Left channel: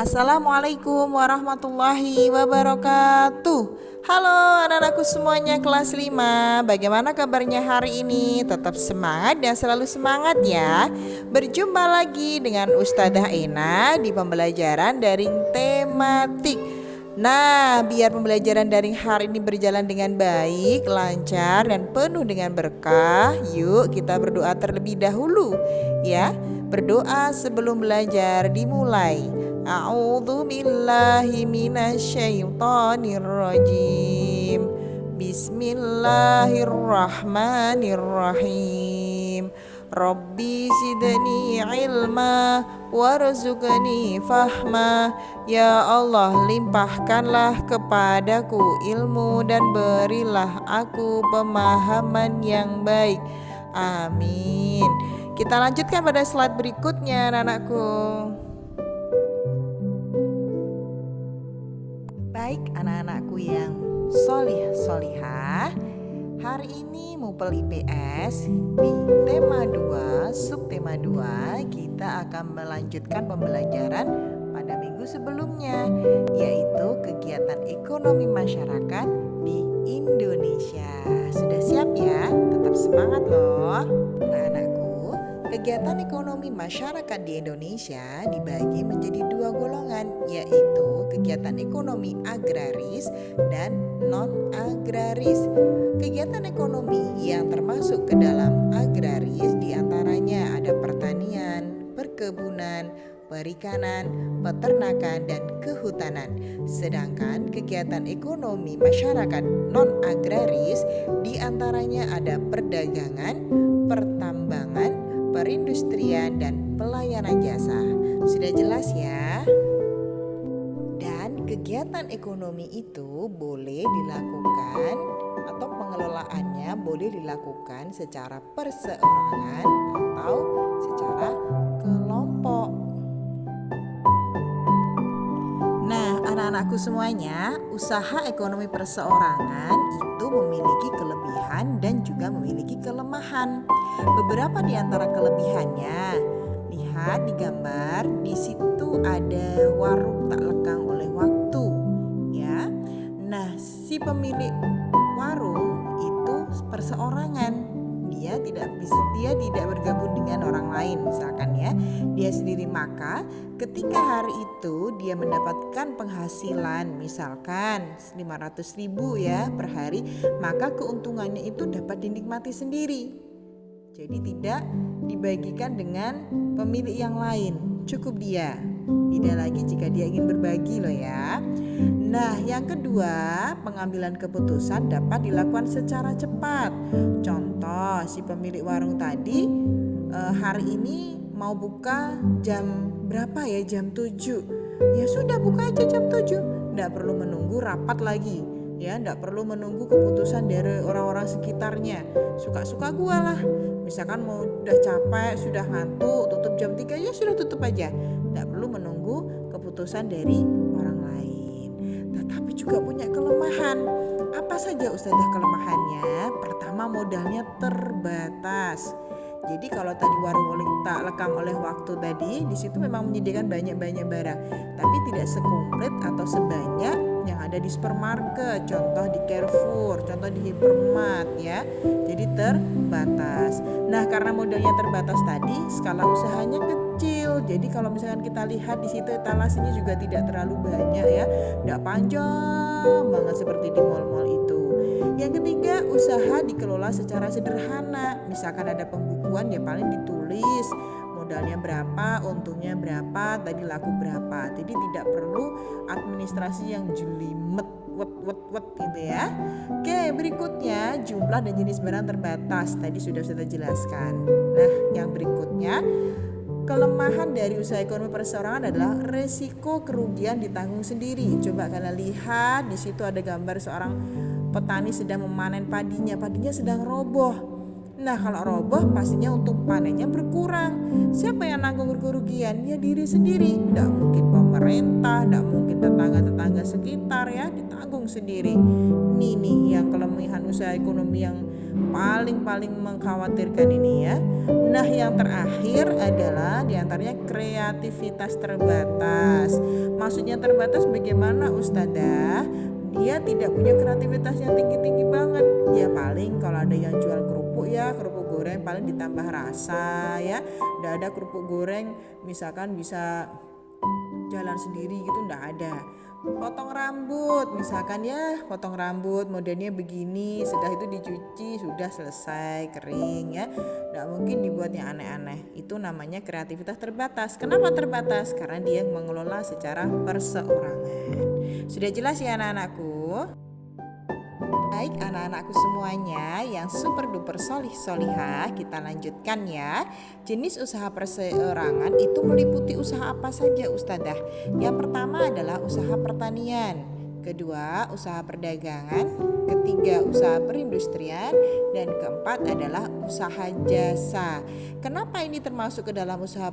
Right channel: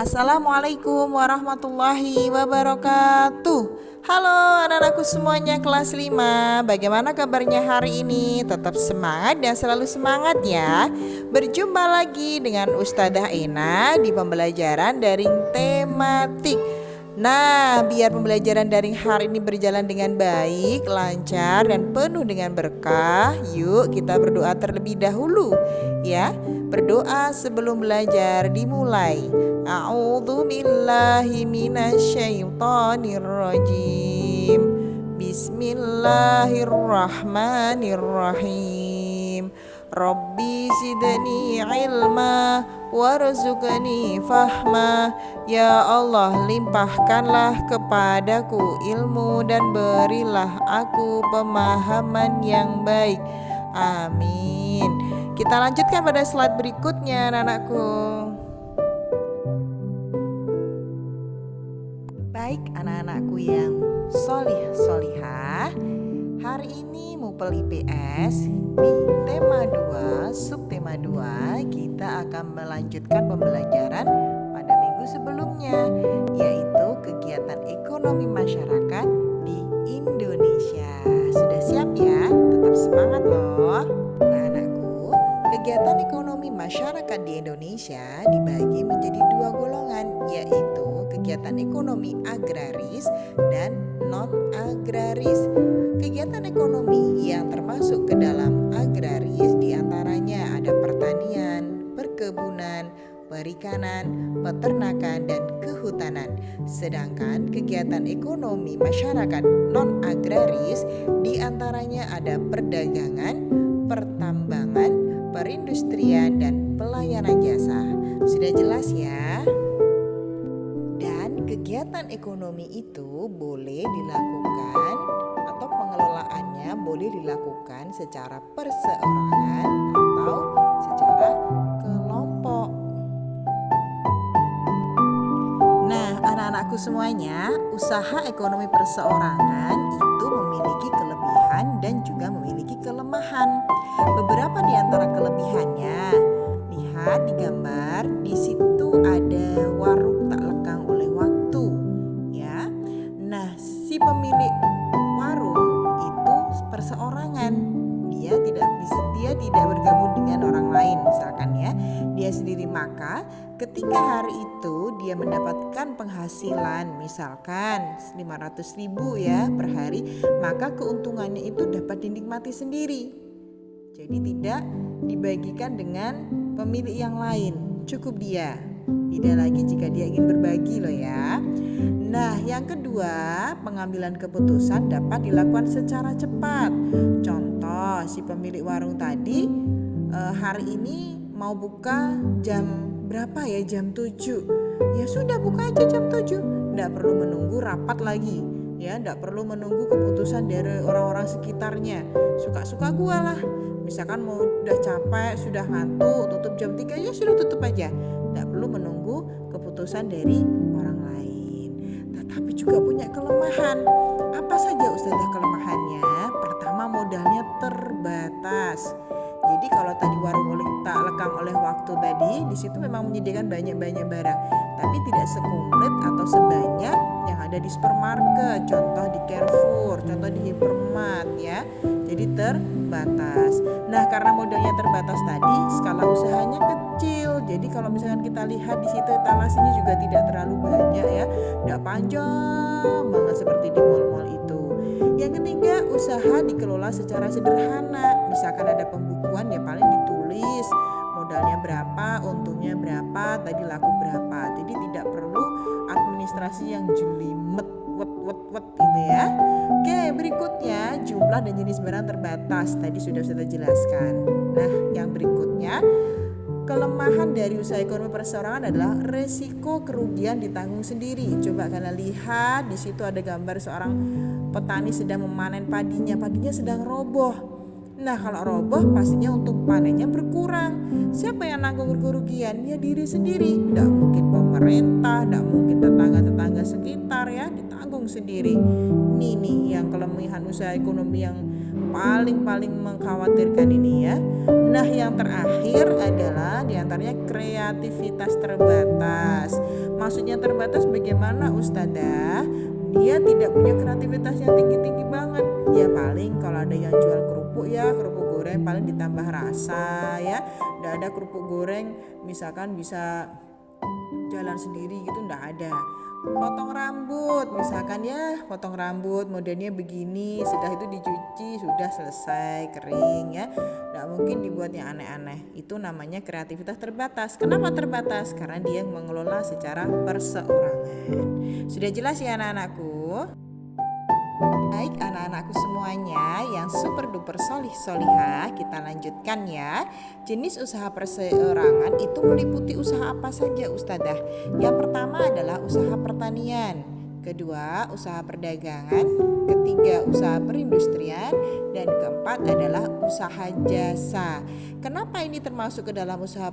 Assalamualaikum warahmatullahi wabarakatuh. Halo anak-anakku semuanya kelas 5. Bagaimana kabarnya hari ini? Tetap semangat dan selalu semangat ya. Berjumpa lagi dengan Ustadzah Ena di pembelajaran daring tematik. Nah, biar pembelajaran daring hari ini berjalan dengan baik, lancar, dan penuh dengan berkah, yuk kita berdoa terlebih dahulu ya. Berdoa sebelum belajar dimulai. A'udzu billahi minasyaitonir rajim. Bismillahirrahmanirrahim. Rabbi zidni ilma warzuqni fahma. Ya Allah, limpahkanlah kepadaku ilmu dan berilah aku pemahaman yang baik. Amin. Kita lanjutkan pada slide berikutnya, anak-anakku. Baik anak-anakku yang solih-solihah, hari ini Mupel IPS di tema 2, subtema 2, kita akan melanjutkan pembelajaran pada minggu sebelumnya, yaitu kegiatan ekonomi masyarakat di Indonesia. Sudah siap ya? Tetap semangat loh anak-anakku. Kegiatan ekonomi masyarakat di Indonesia dibagi menjadi dua golongan, yaitu kegiatan ekonomi agraris dan non-agraris. Kegiatan ekonomi yang termasuk ke dalam agraris diantaranya ada pertanian, perkebunan, perikanan, peternakan, dan kehutanan. Sedangkan kegiatan ekonomi masyarakat non-agraris diantaranya ada perdagangan, pertambangan, perindustrian, dan pelayanan jasa. Sudah jelas ya? Dan kegiatan ekonomi itu boleh dilakukan atau pengelolaannya boleh dilakukan secara perseorangan atau secara kelompok. Nah, anak-anakku semuanya, usaha ekonomi perseorangan itu memiliki kelebihan dan juga memiliki kelemahan. Beberapa di antara kelebihannya, lihat di gambar, di situ ada warung tak lekang oleh waktu, ya. Nah, si pemilik warung itu perseorangan. Dia tidak bergabung dengan orang lain, misalkan ya, dia sendiri. Maka ketika hari itu dia mendapatkan penghasilan misalkan 500.000 ya per hari, maka keuntungannya itu dapat dinikmati sendiri. Jadi tidak dibagikan dengan pemilik yang lain, cukup dia. Tidak lagi jika dia ingin berbagi loh ya. Nah, yang kedua, pengambilan keputusan dapat dilakukan secara cepat. Contoh, si pemilik warung tadi hari ini mau buka jam berapa ya? Jam 7. Ya sudah, buka aja jam 7. Tidak perlu menunggu rapat lagi. Ya, tidak perlu menunggu keputusan dari orang-orang sekitarnya. Suka-suka gua lah. Misalkan mau udah capek, sudah ngantuk, tutup jam 3, ya sudah tutup aja. Tidak perlu menunggu keputusan dari orang lain. Tetapi juga punya kelemahan. Apa saja Ustazah kelemahannya? Pertama, modalnya terbatas. Jadi kalau tadi warung tak lekang oleh waktu tadi, di situ memang menyediakan banyak-banyak barang, tapi tidak sekomplit atau sebanyak yang ada di supermarket, contoh di Carrefour, contoh di Hypermart ya. Jadi terbatas. Nah, karena modalnya terbatas tadi, skala usahanya kecil. Jadi kalau misalkan kita lihat di situ etalasenya juga tidak terlalu banyak ya, tidak panjang banget seperti di mal-mal itu. Yang ketiga, usaha dikelola secara sederhana. Misalkan ada pembukuan ya paling ditulis modalnya berapa, untungnya berapa, tadi laku berapa. Jadi tidak perlu administrasi yang jelimet wet gitu ya. Oke, berikutnya jumlah dan jenis barang terbatas. Tadi sudah jelaskan. Nah, yang berikutnya, kelemahan dari usaha ekonomi perseorangan adalah resiko kerugian ditanggung sendiri. Coba kalian lihat, di situ ada gambar seorang petani sedang memanen padinya sedang roboh. Nah, kalau roboh pastinya untung panennya berkurang. Siapa yang nanggung kerugian? Ya diri sendiri. Tidak mungkin pemerintah, tidak mungkin tetangga-tetangga sekitar ya, ditanggung sendiri. Ini yang kelemahan usaha ekonomi yang paling mengkhawatirkan ini ya. Nah, yang terakhir adalah diantaranya kreativitas terbatas. Maksudnya terbatas bagaimana Ustadzah? Dia tidak punya kreativitas yang tinggi-tinggi banget. Ya paling kalau ada yang jual kerupuk ya, kerupuk goreng paling ditambah rasa ya. Nggak ada kerupuk goreng misalkan bisa jalan sendiri gitu, nggak ada. Potong rambut misalkan ya, potong rambut modelnya begini, sudah itu dicuci sudah selesai kering ya, nggak mungkin dibuatnya aneh-aneh. Itu namanya kreativitas terbatas. Kenapa terbatas? Karena dia mengelola secara perseorangan. Sudah jelas ya anak-anakku? Baik anak-anakku semuanya yang super duper solihah, kita lanjutkan ya. Jenis usaha perseorangan itu meliputi usaha apa saja Ustadzah? Yang pertama adalah usaha pertanian, kedua usaha perdagangan, ketiga usaha perindustrian, dan keempat adalah usaha jasa. Kenapa ini termasuk ke dalam usaha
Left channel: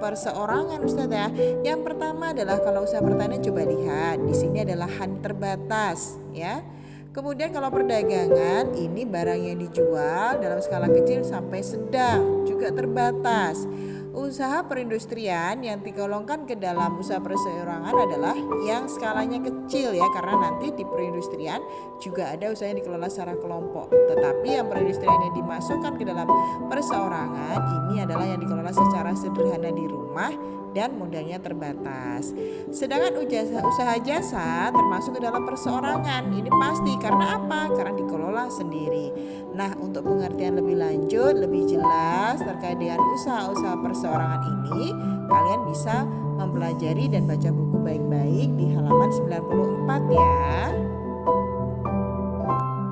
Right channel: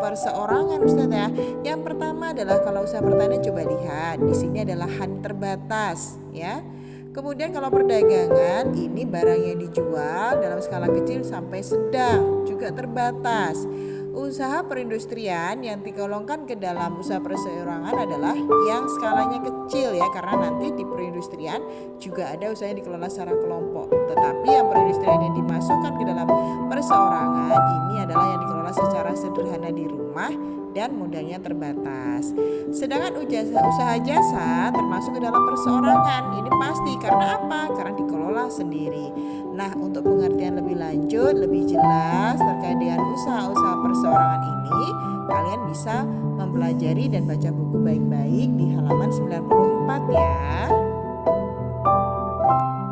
perseorangan Ustadzah? Yang pertama adalah kalau usaha pertanian, coba lihat di sini ada lahan terbatas ya. Kemudian kalau perdagangan ini barang yang dijual dalam skala kecil sampai sedang juga terbatas. Usaha perindustrian yang digolongkan ke dalam usaha perseorangan adalah yang skalanya kecil ya, karena nanti di perindustrian juga ada usaha yang dikelola secara kelompok. Tetapi yang perindustrian yang dimasukkan ke dalam perseorangan ini adalah yang dikelola secara sederhana di rumah dan modalnya terbatas. Sedangkan usaha jasa termasuk ke dalam perseorangan. Ini pasti karena apa? Karena dikelola sendiri. Nah, untuk pengertian lebih lanjut, lebih jelas terkait dengan usaha-usaha perseorangan ini, kalian bisa mempelajari dan baca buku baik-baik di halaman 94 ya.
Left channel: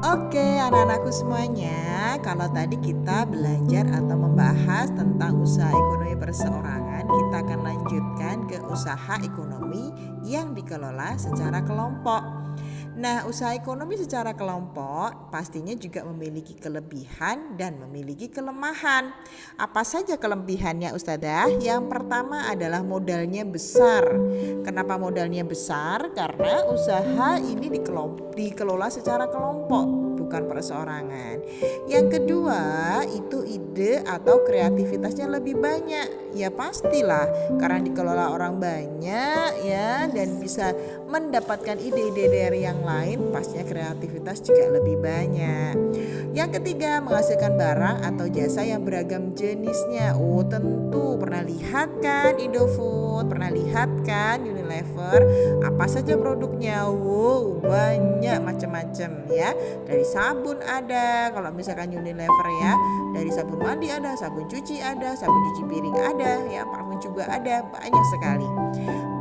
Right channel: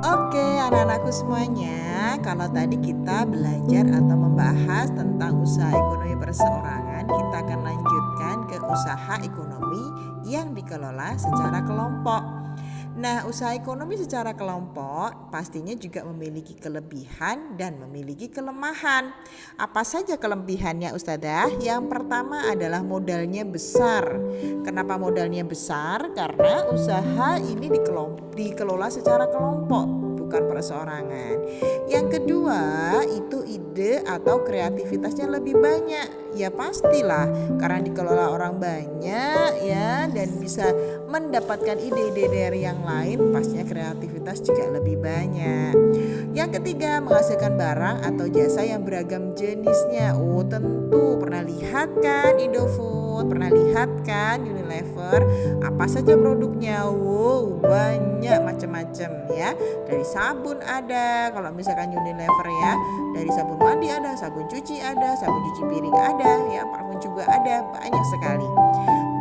Oke anak-anakku semuanya, kalau tadi kita belajar atau membahas tentang usaha ekonomi perseorangan, kita akan lanjutkan ke usaha ekonomi yang dikelola secara kelompok. Nah, usaha ekonomi secara kelompok pastinya juga memiliki kelebihan dan memiliki kelemahan. Apa saja kelebihannya Ustadzah? Yang pertama adalah modalnya besar. Kenapa modalnya besar? Karena usaha ini dikelola secara kelompok, bukan perseorangan. Yang kedua itu ide atau kreativitasnya lebih banyak. Ya pastilah, karena dikelola orang banyak ya, dan bisa mendapatkan ide-ide dari yang lain, pastinya kreativitas juga lebih banyak. Yang ketiga, menghasilkan barang atau jasa yang beragam jenisnya. Oh tentu, pernah lihat kan Indofood, pernah lihat kan Unilever, apa saja produknya? Wow, banyak macam-macam ya. Dari sabun ada, kalau misalkan Unilever ya, dari sabun mandi ada, sabun cuci ada, sabun cuci piring ada ya, parfum juga ada, banyak sekali.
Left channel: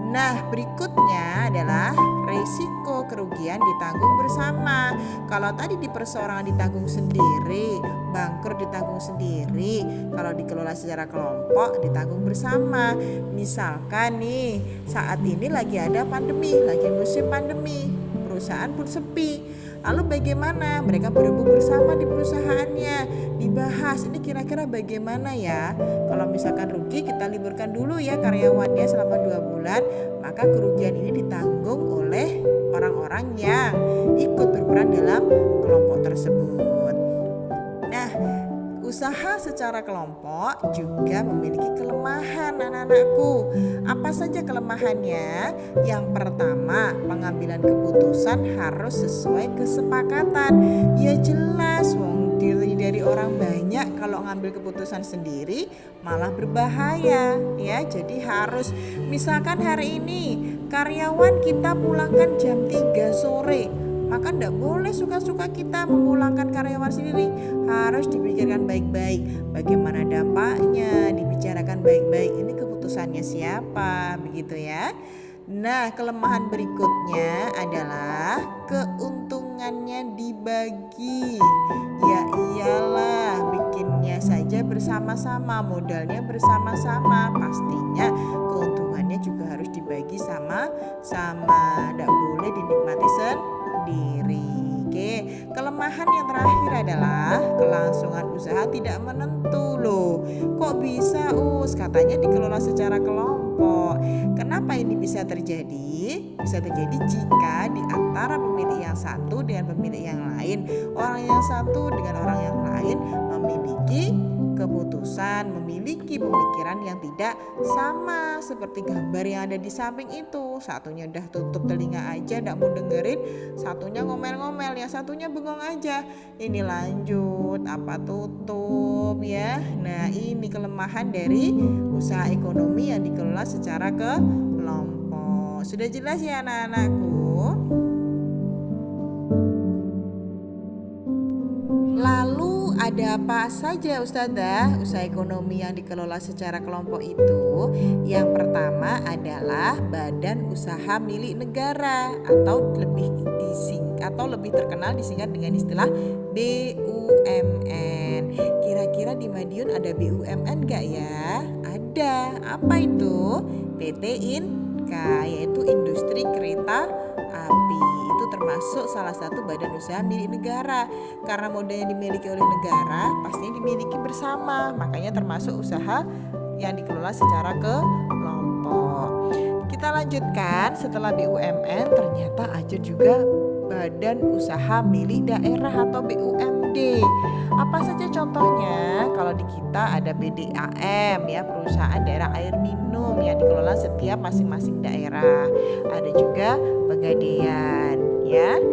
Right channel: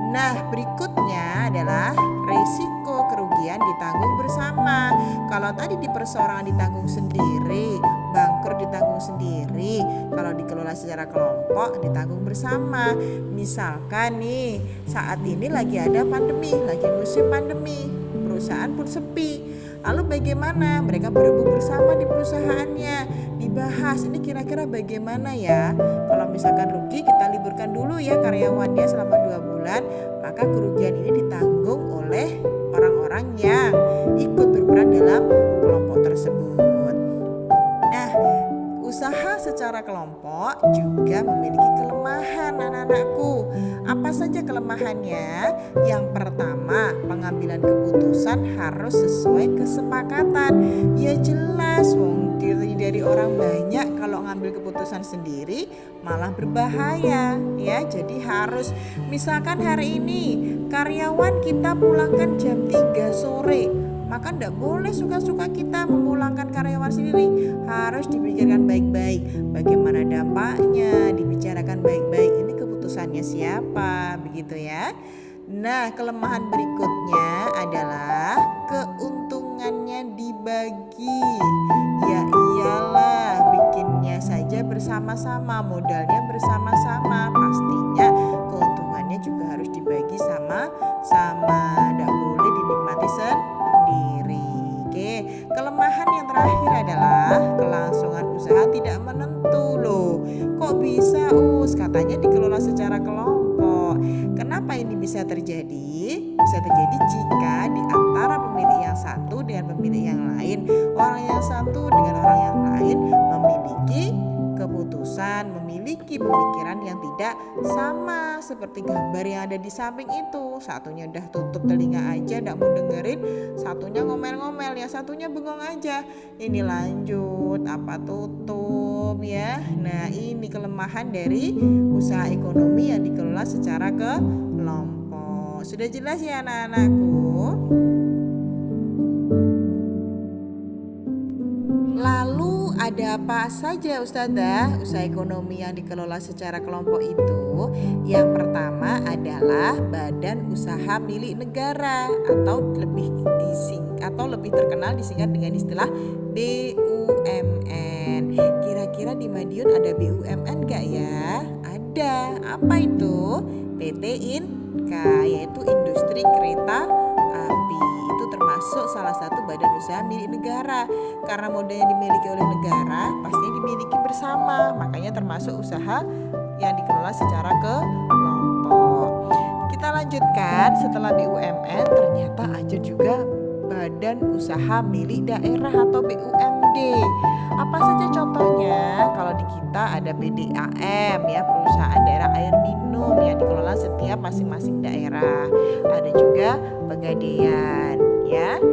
Nah, berikutnya adalah resiko kerugian ditanggung bersama. Kalau tadi di perseorangan ditanggung sendiri, bangkrut ditanggung sendiri, kalau dikelola secara kelompok ditanggung bersama. Misalkan nih, saat ini lagi ada pandemi, lagi musim pandemi, perusahaan pun sepi. Lalu bagaimana? Mereka berebut bersama di perusahaannya, dibahas ini kira-kira bagaimana ya. Kalau misalkan rugi, kita liburkan dulu ya karyawannya selama 2 bulan. Maka kerugian ini ditanggung oleh orang-orang yang ikut berperan dalam kelompok tersebut. Nah, usaha secara kelompok juga memiliki kelemahan anak-anakku. Apa saja kelemahannya? Yang pertama, pengambilan keputusan harus sesuai kesepakatan. Ya jelas, dari orang banyak, kalau ngambil keputusan sendiri malah berbahaya ya. Jadi harus, misalkan hari ini karyawan kita pulangkan jam 3 sore, maka tidak boleh suka-suka kita memulangkan karyawan sendiri. Harus dipikirkan baik-baik bagaimana dampaknya, dibicarakan baik-baik, ini keputusannya siapa, begitu ya. Nah, kelemahan berikutnya adalah keuntungannya dibagi. Ya iyalah, bikinnya saja bersama-sama, modalnya bersama-sama, pastinya keuntungannya juga harus dibagi sama-sama, tidak boleh dinikmati sendiri. Oke, kelemahan yang terakhir adalah kelangsungan usaha tidak menentu loh. Kok bisa katanya dikelola secara kelompok. Kenapa ini bisa terjadi? Bisa terjadi jika di antara pemilik yang satu dengan pemilik yang lain, orang yang satu dengan orang yang lain memiliki keputusan, memiliki pemikiran yang tidak sama, seperti gambar yang ada di samping itu. Satunya udah tutup telinga aja, tidak mau dengerin, satunya ngomel-ngomel, yang satunya bengong aja. Ini lanjut, apa tutup ya. Nah, ini kelemahan dari usaha ekonomi yang dikelola secara kelompok. Sudah jelas ya anak-anakku? Lalu ada apa saja Ustazah usaha ekonomi yang dikelola secara kelompok itu? Yang pertama adalah badan usaha milik negara atau lebih terkenal disingkat dengan istilah BUMN. Kira-kira di Madiun ada BUMN gak ya? Ada. Apa itu? PT INKA, yaitu Industri Kereta Api. Itu termasuk salah satu badan usaha milik negara. Karena modalnya dimiliki oleh negara, pastinya dimiliki bersama. Makanya termasuk usaha yang dikelola secara kelompok. Kita lanjutkan, setelah BUMN ternyata ada juga badan usaha milik daerah atau BUMD. Apa saja contohnya? Kalau di kita ada BDAM ya, perusahaan daerah air minum yang dikelola setiap masing-masing daerah. Ada juga Pegadaian ya.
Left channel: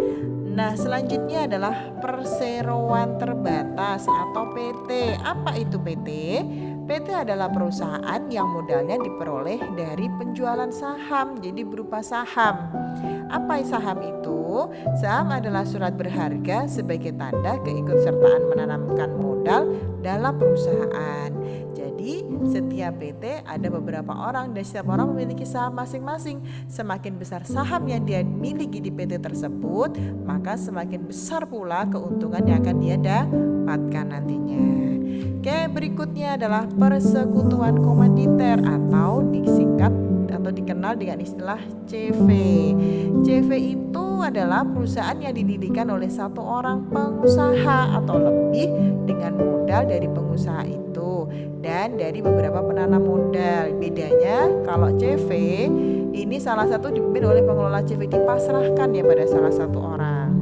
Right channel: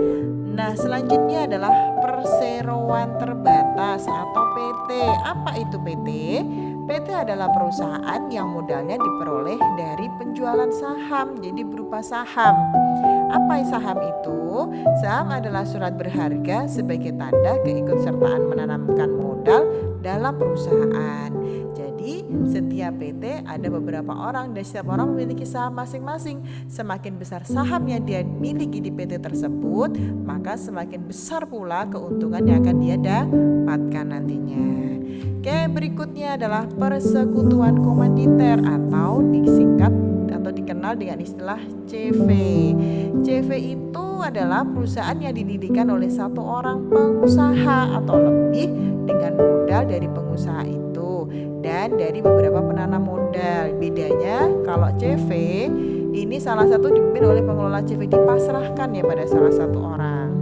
Nah, selanjutnya adalah perseroan terbatas atau PT. Apa itu PT? PT adalah perusahaan yang modalnya diperoleh dari penjualan saham, jadi berupa saham. Apa saham itu? Saham adalah surat berharga sebagai tanda keikutsertaan menanamkan modal dalam perusahaan. Jadi setiap PT ada beberapa orang dan setiap orang memiliki saham masing-masing. Semakin besar saham yang dia miliki di PT tersebut, maka semakin besar pula keuntungan yang akan dia dapatkan nantinya. Oke, berikutnya adalah persekutuan komanditer atau dikenal dengan istilah CV. CV itu adalah perusahaan yang didirikan oleh satu orang pengusaha atau lebih dengan modal dari pengusaha itu dan dari beberapa penanam modal. Bedanya kalau CV ini salah satu dipimpin oleh pengelola CV, dipasrahkan ya pada salah satu orang.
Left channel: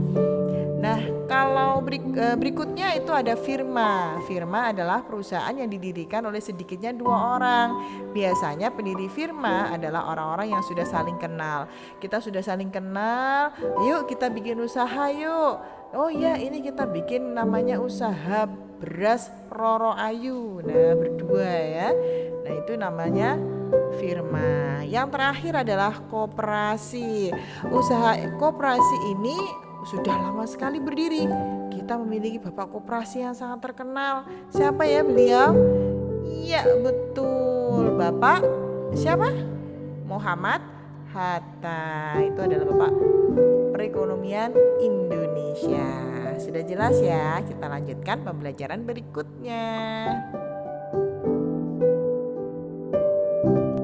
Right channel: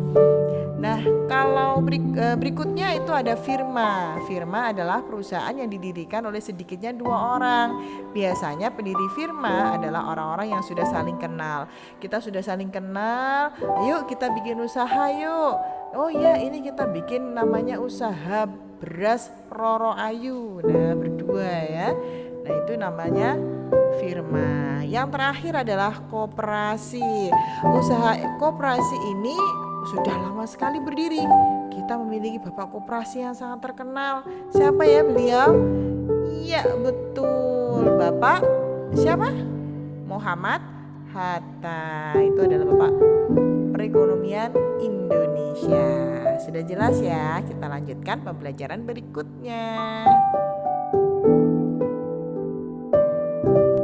Nah, kalau berikutnya itu ada firma. Firma adalah perusahaan yang didirikan oleh sedikitnya 2 orang. Biasanya pendiri firma adalah orang-orang yang sudah saling kenal. Kita sudah saling kenal, ayo kita bikin usaha yuk. Oh iya, ini kita bikin namanya usaha beras Roro Ayu. Nah, berdua ya. Nah, itu namanya firma. Yang terakhir adalah koperasi. Usaha koperasi ini sudah lama sekali berdiri. Kita memiliki bapak koperasi yang sangat terkenal. Siapa ya beliau? Iya, betul. Bapak siapa? Muhammad Hatta. Itu adalah bapak perekonomian Indonesia. Sudah jelas ya? Kita lanjutkan pembelajaran berikutnya.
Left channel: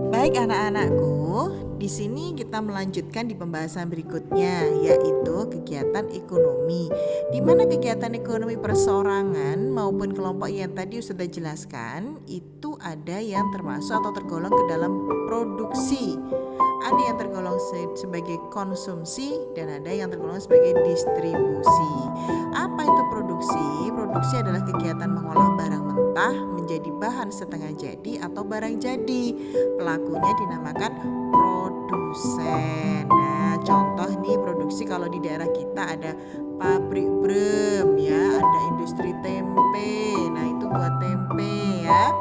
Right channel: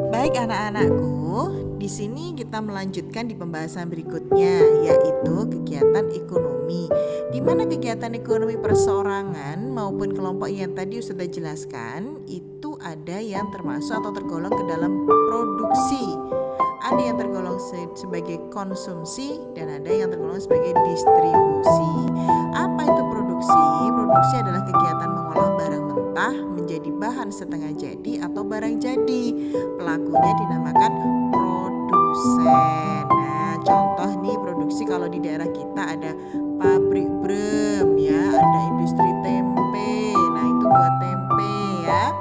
Baik anak-anakku, di sini kita melanjutkan di pembahasan berikutnya, yaitu kegiatan ekonomi. Di mana kegiatan ekonomi perseorangan maupun kelompok yang tadi sudah jelaskan, itu ada yang termasuk atau tergolong ke dalam produksi. Ada yang tergolong sebagai konsumsi dan ada yang tergolong sebagai distribusi. Apa itu produksi? Produksi adalah kegiatan mengolah barang mentah menjadi bahan setengah jadi atau barang jadi. Pelakunya dinamakan produsen. Nah, contoh nih produksi kalau di daerah kita ada pabrik brem ya, ada industri tempe. Nah, itu buat tempe ya.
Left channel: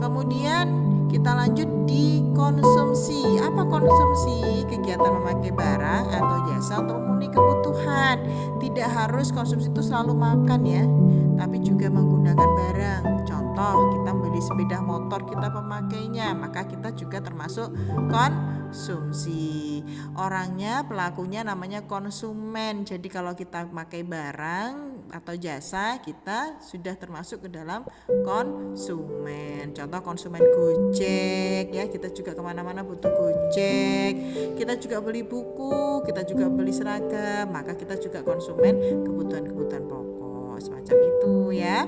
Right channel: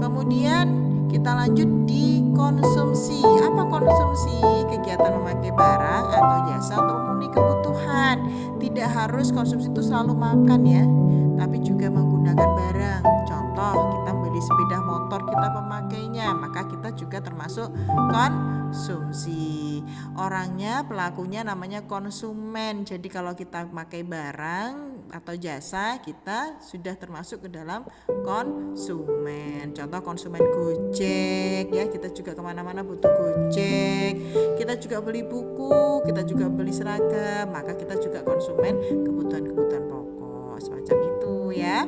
Kemudian kita lanjut di konsumsi. Apa konsumsi? Kegiatan memakai barang atau jasa untuk memenuhi kebutuhan. Tidak harus konsumsi itu selalu makan ya, tapi juga menggunakan barang. Contoh, kita beli sepeda motor, kita pemakainya, maka kita juga termasuk konsumsi. Orangnya, pelakunya namanya konsumen. Jadi kalau kita pakai barang atau jasa, kita sudah termasuk ke dalam konsumen. Contoh konsumen Gojek ya, kita juga kemana-mana butuh Gojek. Kita juga beli buku, kita juga beli seragam, maka kita juga konsumen kebutuhan-kebutuhan pokok. semacam itu ya.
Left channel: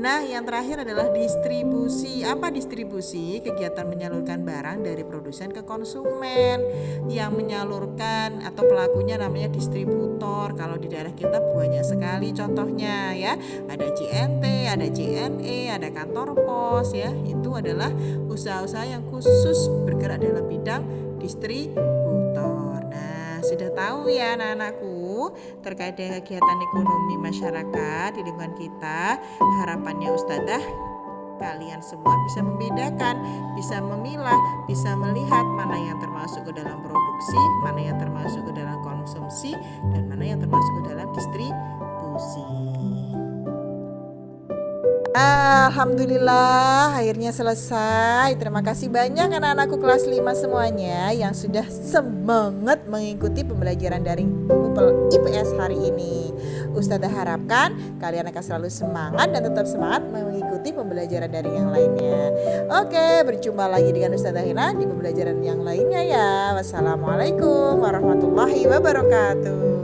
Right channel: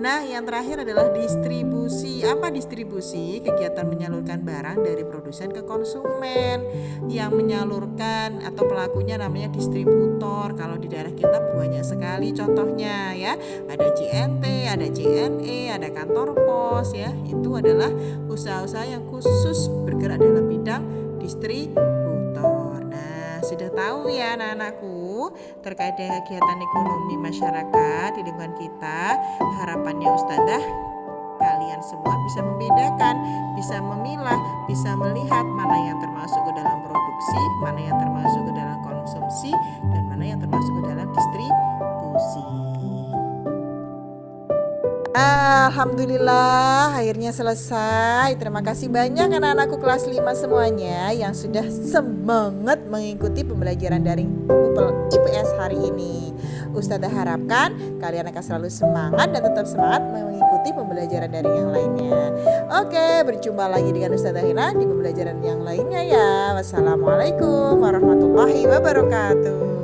Nah, yang terakhir adalah distribusi. Apa distribusi? Kegiatan menyalurkan barang dari produsen ke konsumen. Yang menyalurkan atau pelakunya namanya distributor. Kalau di daerah kita banyak sekali contohnya ya. Ada JNT, ada JNE, ada kantor pos ya. Itu adalah usaha-usaha yang khusus bergerak dalam bidang distributor. Nah, sudah tahu ya anak-anakku terkait dengan kegiatan ekonomi masyarakat di lingkungan kita. Harapannya Ustazah kalian semua bisa membedakan, bisa memilah, bisa melihat mana yang termasuk ke dalam produksi, mana yang termasuk ke dalam konsumsi, dan mana yang termasuk ke dalam distribusi. Alhamdulillah akhirnya selesai. Terima kasih banyak anak-anakku kelas 5 semuanya yang sudah semangat mengikuti pembelajaran daring Google IPS hari ini. Ustazah harapkan kalian akan selalu semangat dan tetap semangat mengikuti pembelajaran daring yang lainnya. Oke, berjumpa lagi dengan Ustazah Hina di pembelajaran yang lainnya ya. Wassalamualaikum warahmatullahi wabarakatuh.